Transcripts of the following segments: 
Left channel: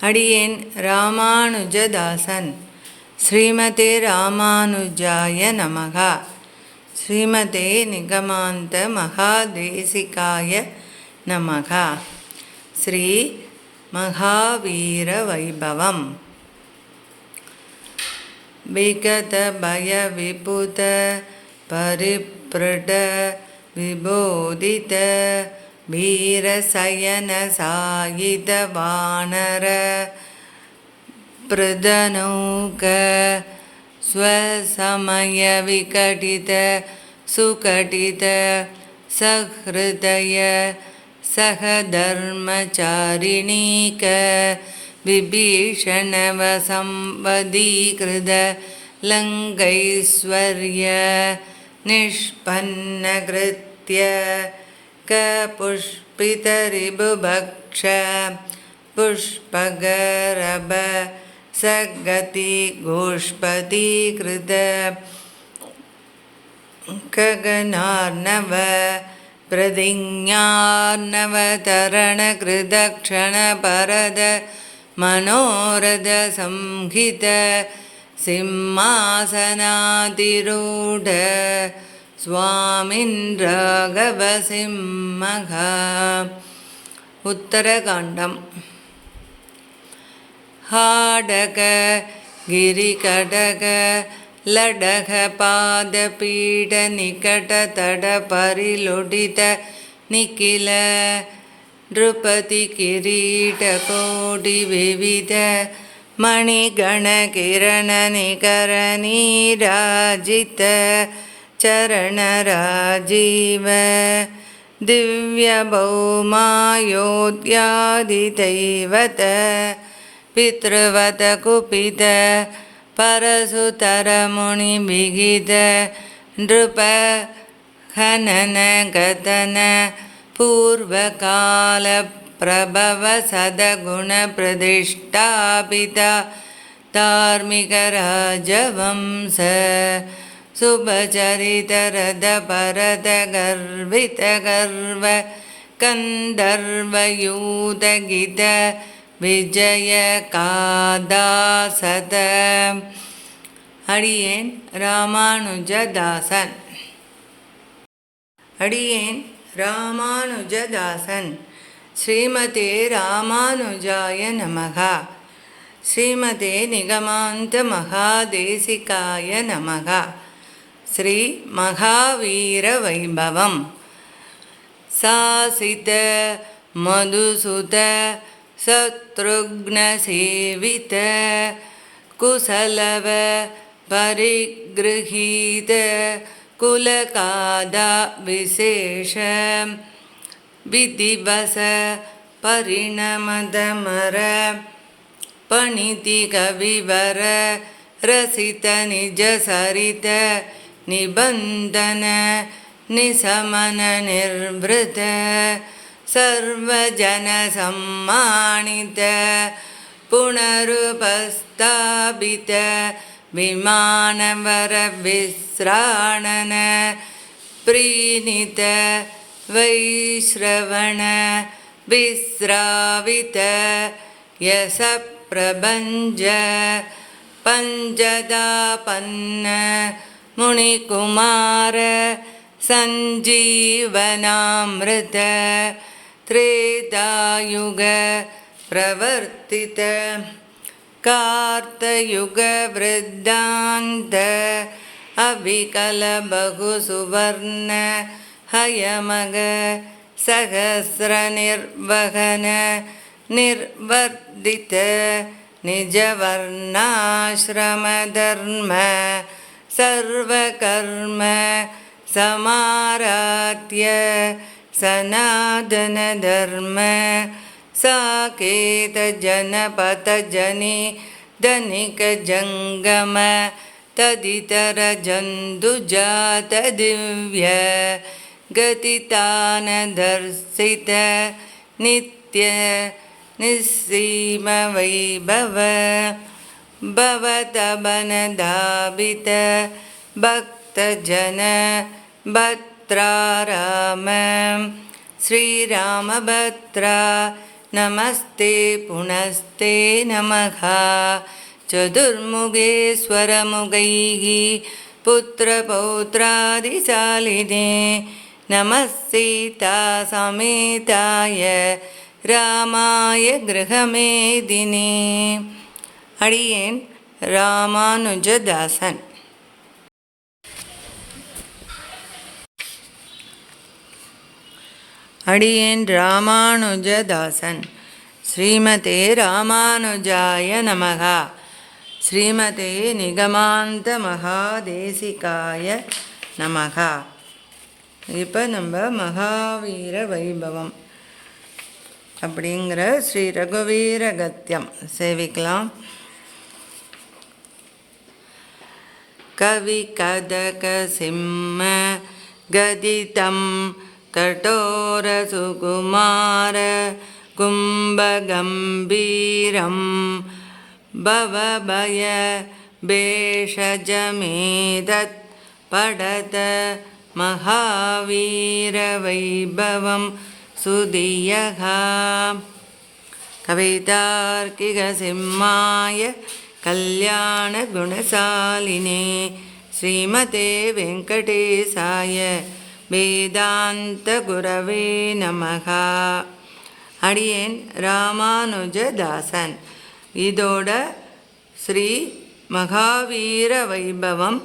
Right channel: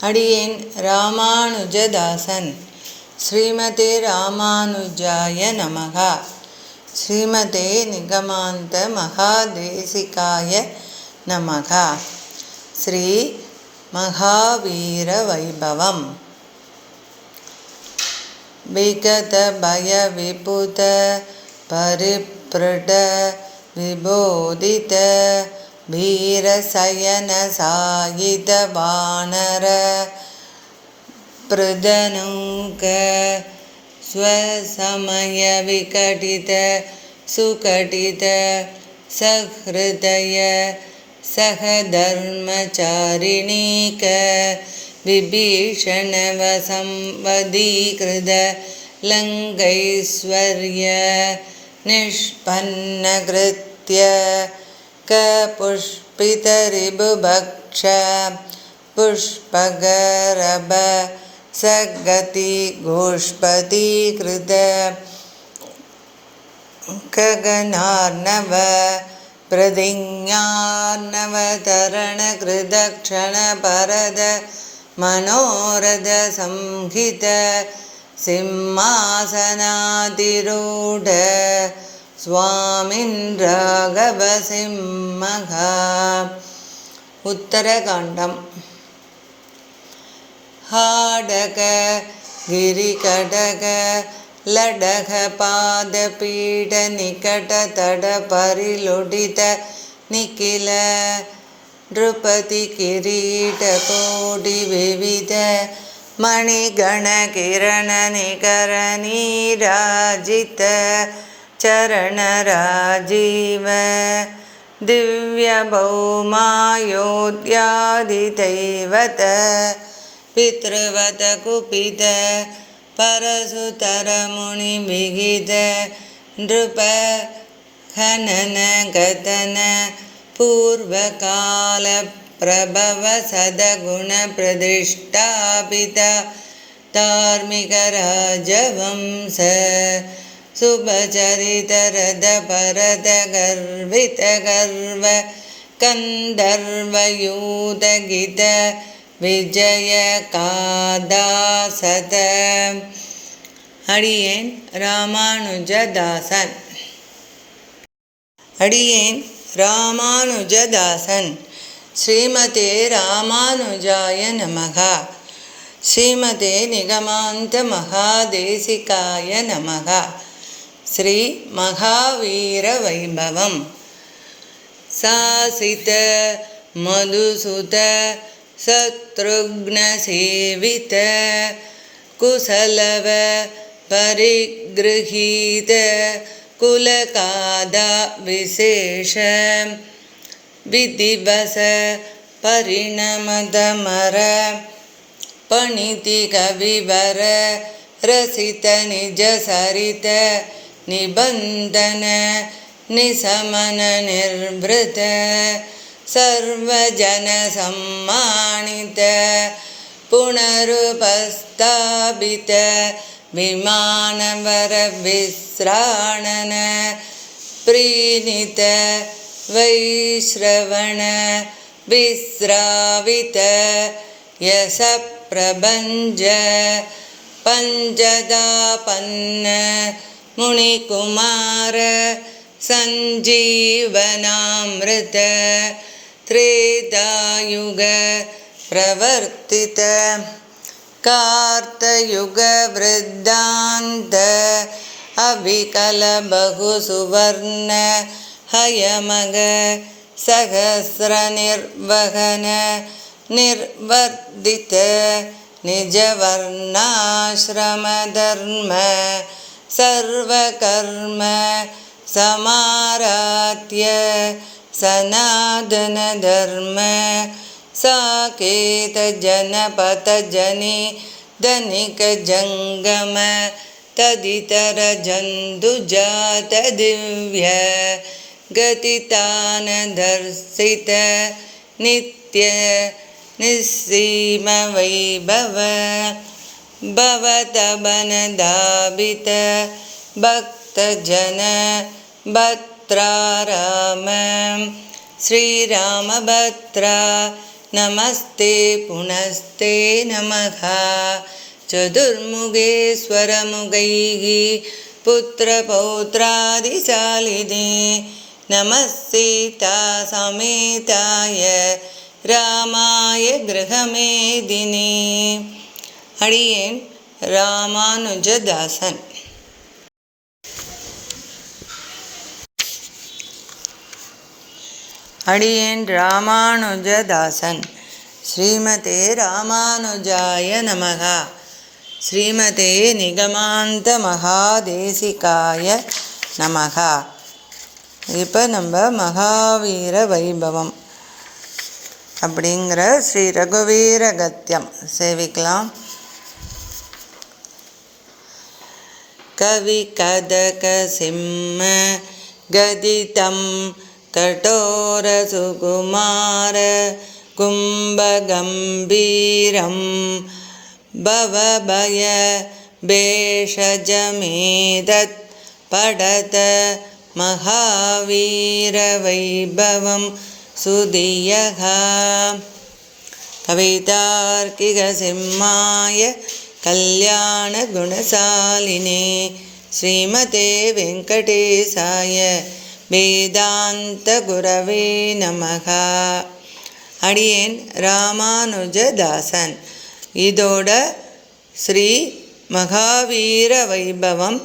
அடியேன் ராமானுஜதாசன். ஸ்ரீமதே ராமானுஜாய நமகா. ஸ்ரீமதே நிகமாந்த மகாதேசிகாய நமகா. ஸ்ரீ மகாவீர வைபவம் விகத பய விபுத वीरशयनसायितवानर प्रदनौक स्वसमयविकटित सुकटित सहृदय सहधर्मचारिणीक विभीषणवसंवदीकृत लङ्कैश्वर्य निष्पन्नकृत्य कपुष्पितरिबुभक्ष पुष्पगरभ सगति गोष्पदीकृत गगनार्णव प्रतिज्ञार्णवतरणकृदक्षणपरद मनोरथसंहित सिंहासनातिरूढ स्वामिन् राघवसिंहः उत्तरकाण्डम् हाडक गिरिकटक लडघपादपीठनिकटतडपरिलुडित निखिल नृपतिकिरीटकोटिविविध मणिगणकिरणनिकरनीराजित चरणराजीव दिव्यभौमायोध्यादिदैवत पितृवत कुपित परसुतरमुनिविहित नृप खनन गतन पूर्वकालप्रभव सदगुणप्रतिष्ठापित धार्मिकराजवंश शुभचरितरथपरतगर्वितगर्व कन्दर्वयूतगित விஜயகாதாசத அடியேன் ராமானுஜதாசன் அடியேன் ராமானுஜதாசன் ஸ்ரீமதே ராமானுஜாய நமகா ஸ்ரீமதே நிகமாந்த மகாதேசிகாய நமகா ஸ்ரீ மகாவீர வைபவம் சாசித மதுசுத சத்ருக்னசேவித குசலவ பரிகிருஹீத குலகாதா விசேஷ விதிவச பரிணமதமர பணிதிகவிவர ரசித நிஜ சரித निबन्धन निशमननिर्वृत सर्वजनसम्मानित पुनरुपस्थापित विमानवरविश्राणन प्रीणित वैश्रवण विश्रावित यशप्रभञ्ज पञ्चदापन्न मुनिकुमार सञ्जीवनामृत त्रेतायुग प्रवर्तित कार्तयुगवृद्धान्त अविकलबहुसुवर्ण हयमग सहस्रनिर्वहन निर्वर्धित निजवर्णाश्रमधर्म सर्वकर्म समाराध्य सनातनधर्म साकेतजनपतजनि धनिकजङ्गम तदितरजन्तुजातदिव्य गतितानदर्शित नित्य निस्सीमवैभव भवतवनदाभित भक्तजन भत्राराम श्रीरामभद्रा नमस्ते पुनस्ते नमः चतुर्मुगेश्वरमुगैः पुत्रपौत्रादिशालिने नमः सीतासमेताय रामाय गृहमेदिने அடியேன் ராமானுஜதாசன். அடியேன் ராமானுஜதாசன். ஸ்ரீமதே ராமானுஜாய நமகா. ஸ்ரீமதே நிகமாந்த மகாதேசிகாய நமகா. இப்போ நம்ம மகாவீர வைபவம் அப்படிங்கிற ஸ்ரீ ரகுவீர கத்தியம். சேவிக்கலாம். कविकदकसिंह गदितं कठोरसुकुमार कुम्भगम्भीरं भवभय भेषजमेदत् पढत महावीरवैभवं सुधियः। कवितार्किकसिंहाय कल्याणगुणशालिने श्रीमते வெங்கடேசாய வேதாந்த குரவே நமக அடியேன் ராமானுஜதாசன் இதோட ஸ்ரீ மகாவீர வைபவம்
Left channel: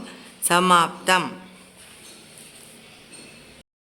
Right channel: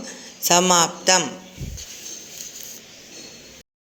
சமாப்தம்